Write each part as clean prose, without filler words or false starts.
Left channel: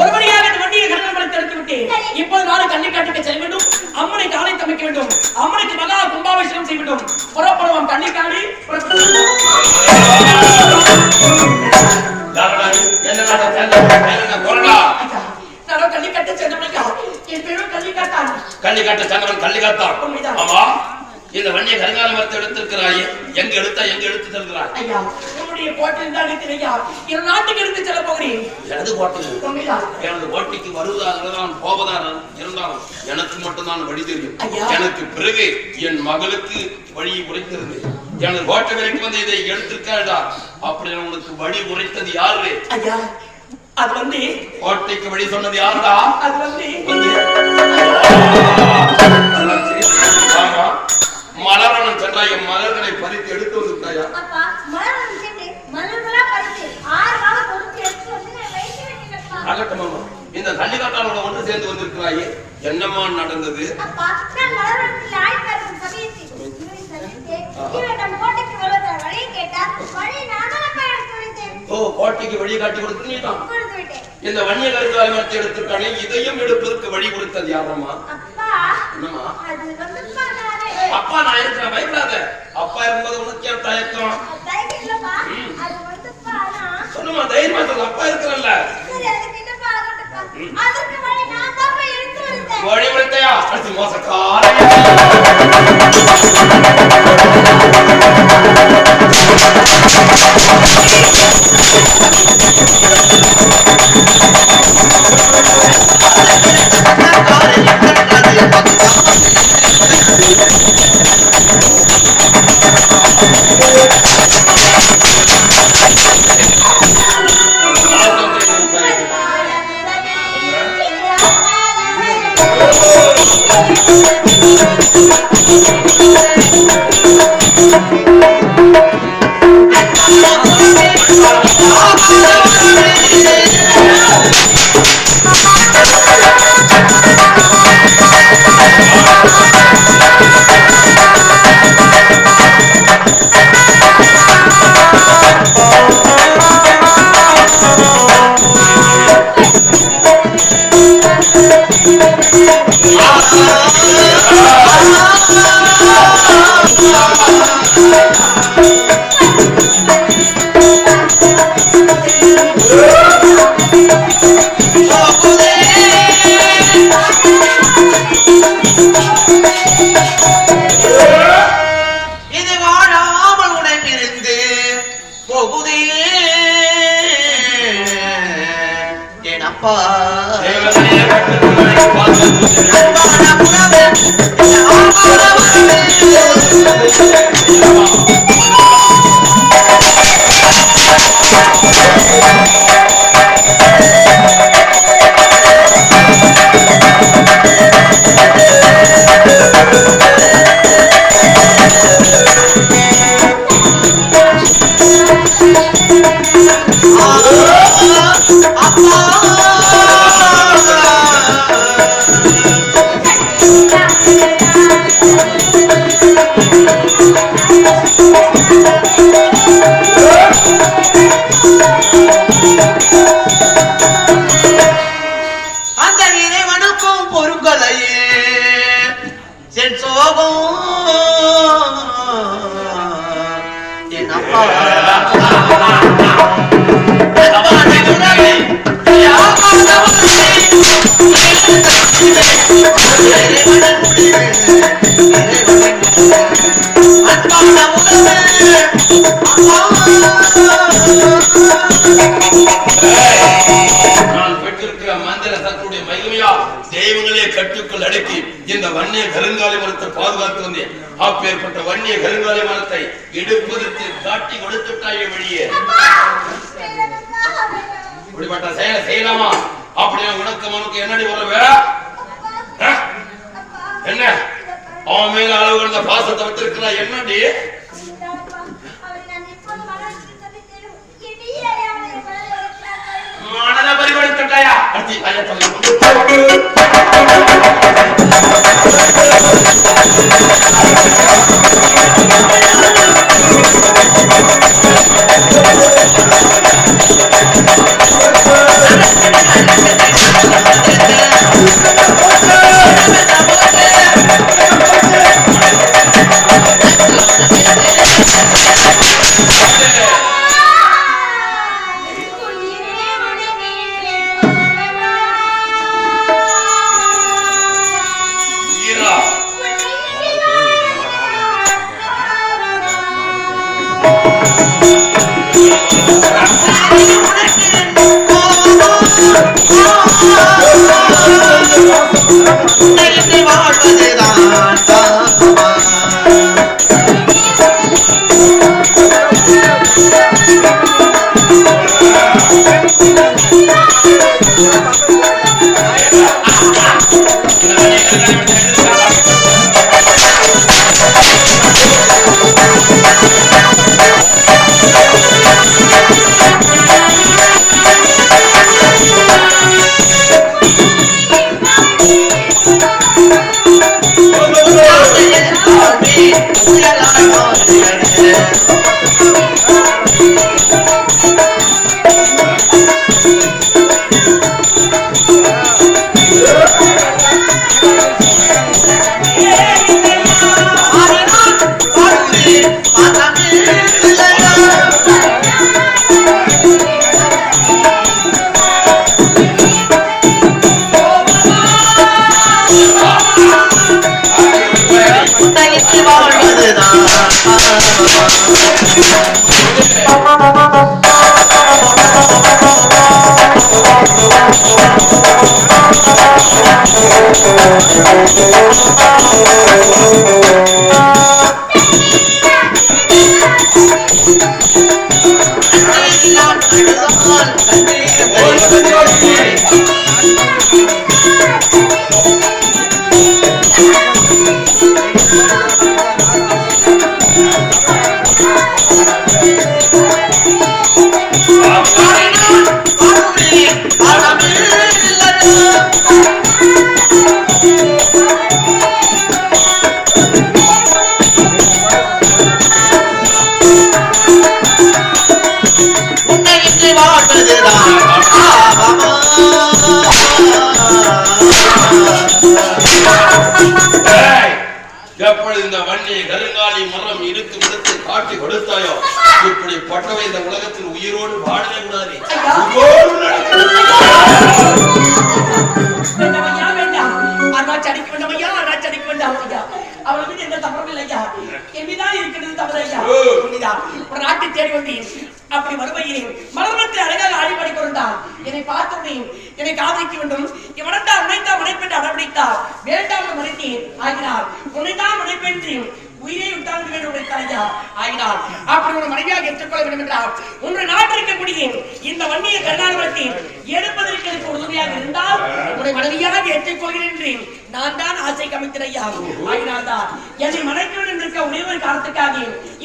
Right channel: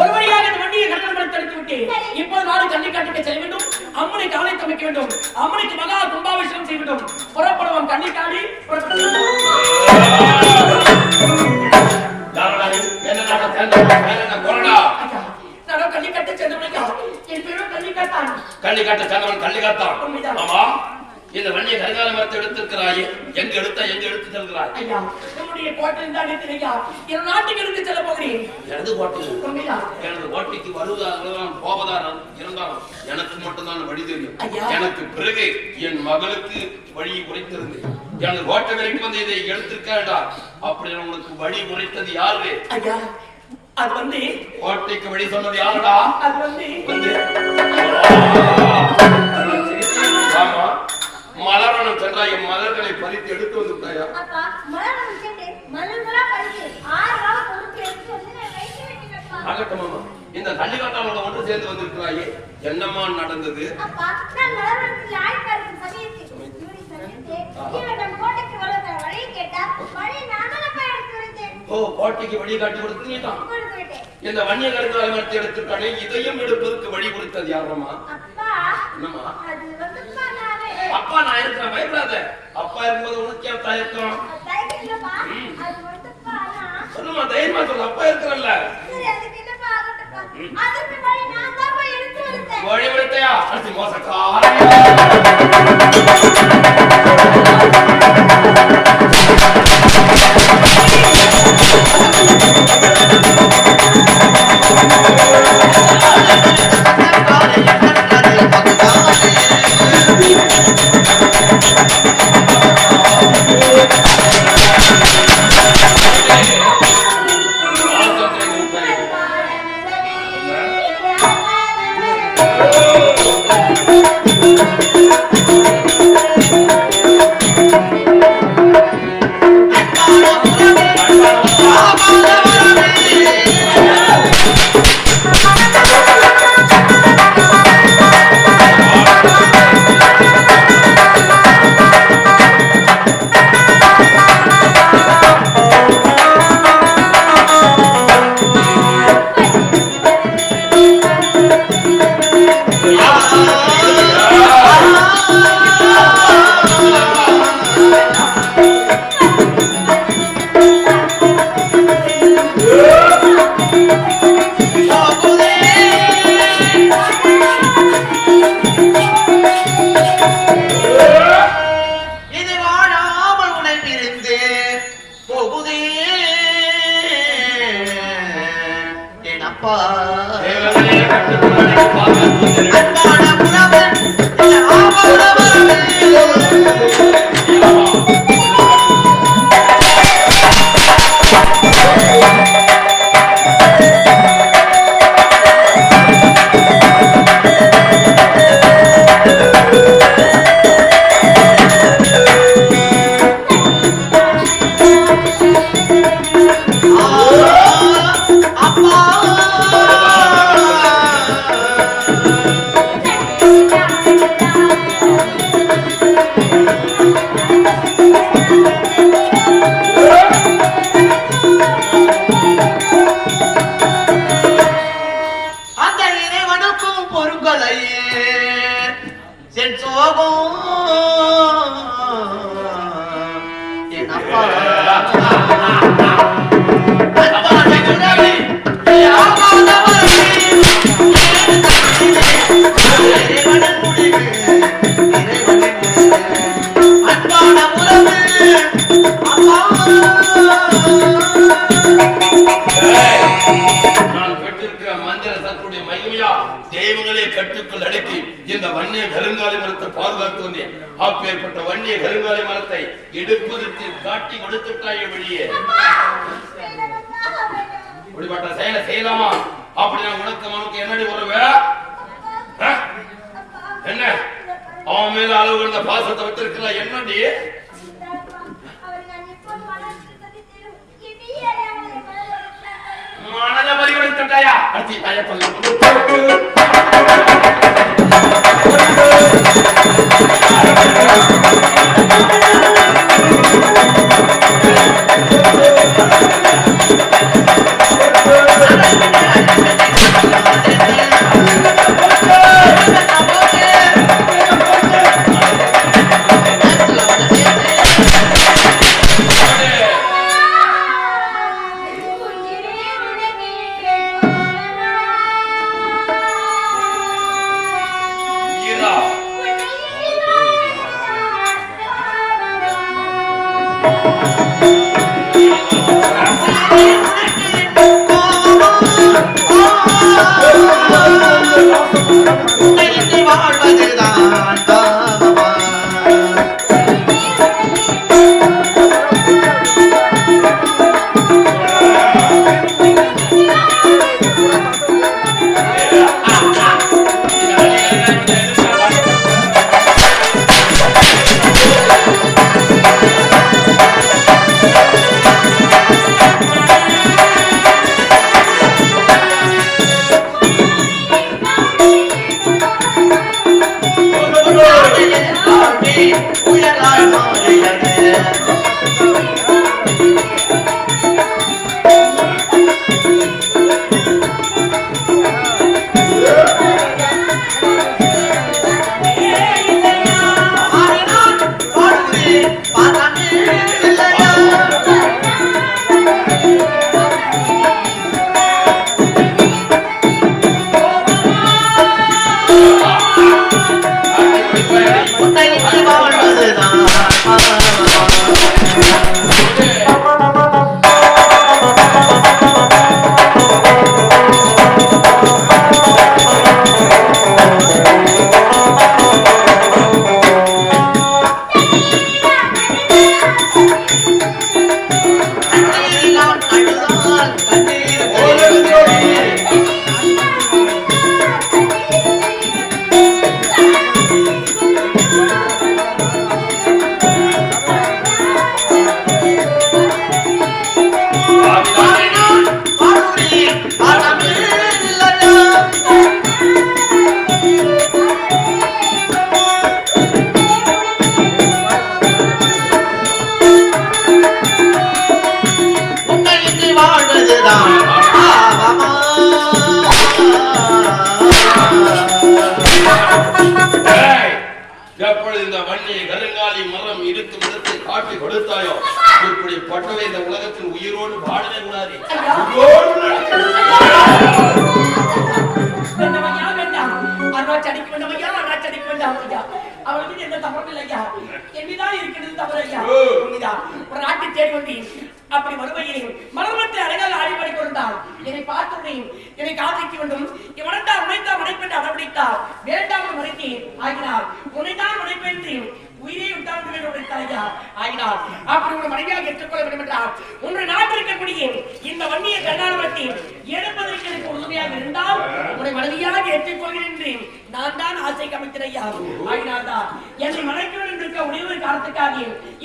ஒருபடியாக இந்த வண்டியை கட்டணம் எடுத்து விட்டு இப்போது நாடு கன்னிக்காட்டுக்கு செல்ல வேண்டும். அம்மனுக்கு ஆலை அமைக்க வேண்டும். அம்மனுக்கு மகா கும்பாபிஷேகம் செய்ய வேண்டும். புறப்படுவோம் கன்னிக்காடி. கள்ளிக்காட்டு சங்கரன் கள்ளிக்காத்தான். ஆமா, இந்த வண்டியை கருங்கால மரத்தை எடுத்திருக்கிறாயே, எங்க எடுத்து செல்கிறாய்? ஐயா, உன்னுடைய கோட்டையில் தான் இருக்கிறையா. என் நாட்டுக்கு எடுத்து செல்ல போகிறேன். எனது கோட்டை, எனது கோட்டைக்கு வருவதாக போவதாக இருந்தாலும் எனக்கு மட்டும்தான் வழி தெரியும். எனக்கு பிறகு என் மகளுக்கு வழி உரைத்திருந்தேன். எனது கோட்டை வரைக்கும் வந்து இதை எடுத்திருக்கா, அப்படி உனக்கு வழி உரைத்தது யாரு? ஐயா, அது வந்து கோட்டைக்கு வழி சொன்னது யாருடா? அது வந்து ஆமா, மலரனும் சென்றாய். மலர்களை பறித்து எடுத்து வந்து விட்டாயா? ஆகட்டும் அம்மா, இந்த கள்ளிக்காட்டாளோட ஒன்று சேர்ந்து வந்திருக்கிறாயே, என்னம்மா நடந்தது? ஓ, கோட்டைக்கு வழி காட்டி கொடுத்து நீதான் இந்த வன்னிய கருங்காலத்தை எடுத்துக்கானே, இதையும் எடுப்பதற்கு வழி கொடுத்தது யாரம்மா? என்னம்மா? அப்பா நான் இருக்கிறேன், பயப்படாத. அப்பா இருக்கும்போது உனக்கு ஏன் தயக்கம்? சொல்லுமா, தைரியமா சொல்லு. அப்பா இருக்கிறல்ல, வழி கொடுத்தையா? அடுத்து மோசக்கார தெய்வங்களே கட்டுக்குள் அடக்கி இந்த வன்னிய கருங்காலி மரத்தை பாதுகாத்து வந்தேன். அப்பேற்பட்ட வன்னிய கருங்காலி மரத்தை எடுப்பதற்கு காட்டி கொடுத்துட்டாயே வழியே. இப்படிப்பட்ட செயலை செய்யலாமா? அப்படி உனக்கு என்னடி உறவு? என்ன அவன் மேல அளவு கடந்த பாசத்தை வச்சிருக்கிறா? என்னடி மனத பறிகொடுத்துட்டாயா? அடுத்து ஐயா எப்பொழுது இந்த வன்னி கருங்காலி மரம் இருக்கு விடுத்து காட்டி கொடுத்தாயோ இப்படி பட்டவை இந்த உலகத்தில் உயிரோடு வாழவே கூடாது. அவளுக்கு எந்த தவறும் இல்லையா? என்தான் இருக்கிறது தவறு ஐயா. ஒரு நாட்டை தேடி வந்தேன். அப்படி வருவையில் மலர்வத்தை அழகாக ஆடிப்படி கொண்டார். என்னை பார்த்தேன், என்னை காதலிக்க வேண்டும், இவனத்தான் உனைத்தான் மனைப்பெற்று அடம்பிடித்தார். வேண்டாமல் மறைத்தேன் ஆகினார். உன்னைத்தான் மனைப்பெற்று உயிரை விட்டாந்து வேண்டும் உடைத்தாயா ஆகினார். அப்படி ஒரு மனைவியாக ஏற்றுக்கொள்ள வேண்டும் என்றார். உன்னை நாட்டில் இருக்கக்கூடிய இந்த வன்னியை கண்ணாடி எடுப்பதற்கு எனக்கு உதவியாக இருந்தால் உன்னை மனைவியாக ஏற்றுக்கொள்கிறேன். நான் தான் ஆசை கமித்திரையா ஆகினார் தான் என்னை மறைக்க வேண்டும் இருக்க ஒரே ஒரு காரணத்துக்காக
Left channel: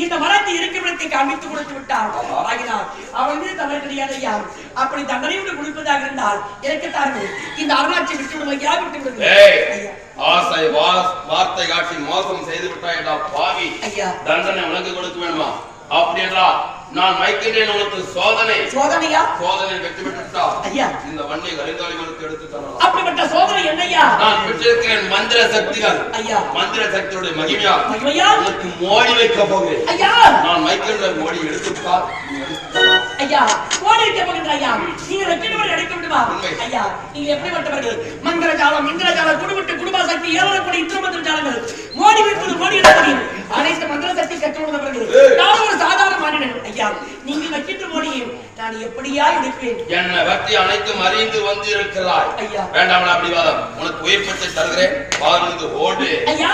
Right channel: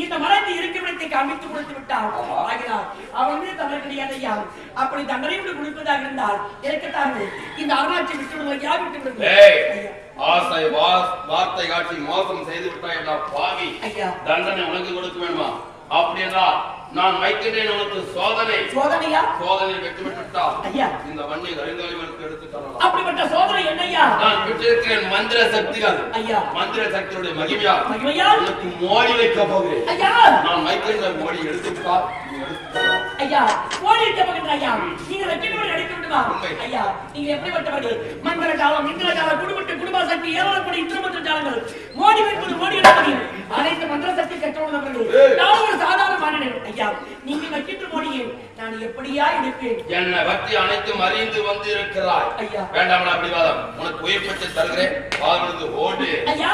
இந்த மரத்தை இருக்குமிடத்தை காமித்து கொடுத்து விட்டார் ஆகினார். அவன் மீது தவறு கிடையாது ஐயா. அப்படி தண்டனை கொடுப்பதாக இருந்தால் எனக்கு தார்கள் இந்த அருளாட்சி விட்டு விடுவதையா விட்டு விடுவது. ஆசை வார்த்தை காட்டி மோசம் செய்து விட்டாயடா பாவி. தண்டனை உனக்கு கொடுக்க வேணுமா? அப்படி என்றா நான் வைக்கின்றேன் உனக்கு சோதனை. சோதனையா? சோதனை வெற்றி பெற்றுட்டா ஐயா இந்த வண்ணை கருங்காலிகளுக்கு எடுத்து தரலாம். அப்படிப்பட்ட சோதனை என்னையா? நான் பெற்றிருக்கிறேன் மந்திர சக்திகள். ஐயா மந்திர சக்தியுடைய மகிமையா மகிமையா உனக்கு மோடி வைக்க போகிறேன். ஐயா நான் வைக்கின்ற மோடி எடுத்துட்டா ஐயா மோடி வைக்க போகிறேன். ஐயா நீங்க வெற்றியோடு எடுக்க விடுவா. ஐயா நீங்க எப்படி வட்டவர்கள்? மந்திர ஜாலம் இந்திர ஜாலம் குடும்பத்து குடும்ப சக்தி ஏவலக்கூடிய இந்திரமந்திர ஜாலங்கள் மோடி வைப்பது மோடி வைப்பது அனைத்து மந்திர சக்தி கற்றுள்ளவர்கள். நான் ஒரு சாதாரண மாநிலம் ஐயா. நீங்க வைக்கின்ற மோடியை நான் எப்படியா எடுப்பேன்? என்ன பக்தி அனைத்தும் அறிந்து வந்து இருக்கிறாய். ஐயா வேண்டாம் அப்படி வாதம். உனக்கு உயிர் பெற்று தருகிறேன். வாழ்ந்து ஓடு. ஐயா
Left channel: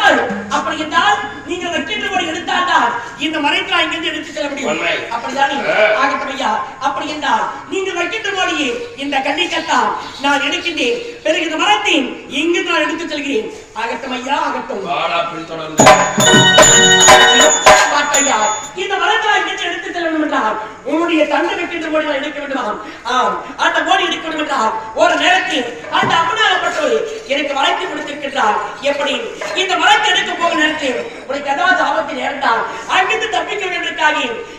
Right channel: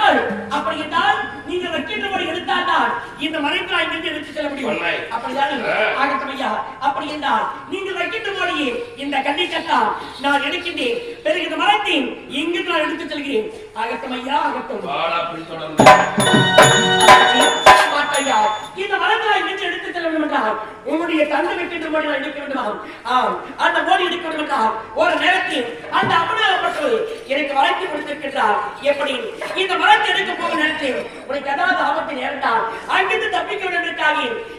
அப்படி என்றால் நீங்க வைக்கின்ற மோடி எடுத்தால்தான் இந்த மரத்தை இங்கிருந்து எடுத்து செல்ல முடியும். அப்படிதானே ஆகட்டும் ஐயா. அப்படி என்றால் நீங்க வைக்கின்ற மோடியை இந்த கல்வி கட்டால் நான் எடுக்கின்றேன். பிறகு இந்த மரத்தை இங்கிருந்து நான் எடுத்து செல்கிறேன். ஆகட்டும் ஐயா ஆகட்டும். வாடா பின்தொடர்ந்து ஐயா இந்த மரத்தை இங்கிருந்து எடுத்து செல்ல வேண்டும் என்றால் உன்னுடைய தந்தை வைக்கின்ற மோடி நான் எடுக்க வேண்டுமா? அந்த மோடி எடுக்க வேண்டும் என்றால் ஒரு நேரத்தில் அந்த அம்மனாகப்பட்டவர் எனக்கு மரத்தை கொடுத்திருக்கின்றார். எப்படி இந்த மரத்தை எடுக்க போகும் நேரத்தில் உனக்கு ஏதாவது ஆபத்து நேர்ந்தால் அங்கிருந்து தப்பிக்க வேண்டுவதற்காக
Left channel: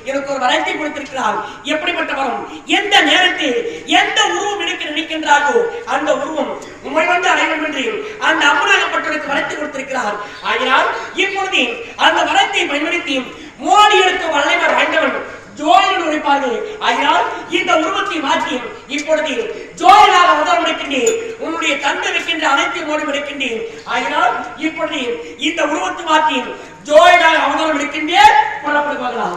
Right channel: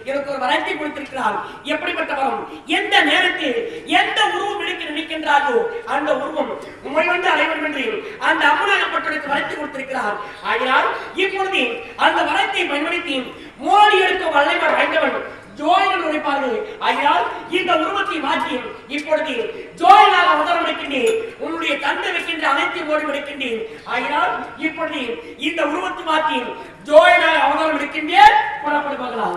எனக்கு ஒரு மரத்தை கொடுத்திருக்கிறார். எப்படிப்பட்ட மரம்? எந்த நேரத்தில் எந்த உருவம் எடுக்க நினைக்கின்றாரோ அந்த உருவம் உண்மை வந்து அடையும் என்று அந்த அம்மனாகப்பட்டவருக்கு மரத்தை கொடுத்திருக்கிறார். ஆகினால் இப்பொழுது அந்த மரத்தை பயன்படுத்தி மோடி எடுக்க வல்லமை வாய்ந்தவன் ஜோயன் உழைப்பார்கள். ஆகினால் இந்த உருவத்தை மாற்றி இப்பொழுது ஜோயனாக அவதாரம் எடுக்கின்றேன். உன்னுடைய தந்தை வைக்கின்ற அனைத்து மோடி எடுக்கின்றேன். ஆகினால் இப்பொழுது இந்த உருவத்தை மாற்றி ஜோயனாக அவதாரம் எடுக்கின்றேன். புறப்படுவார்களா?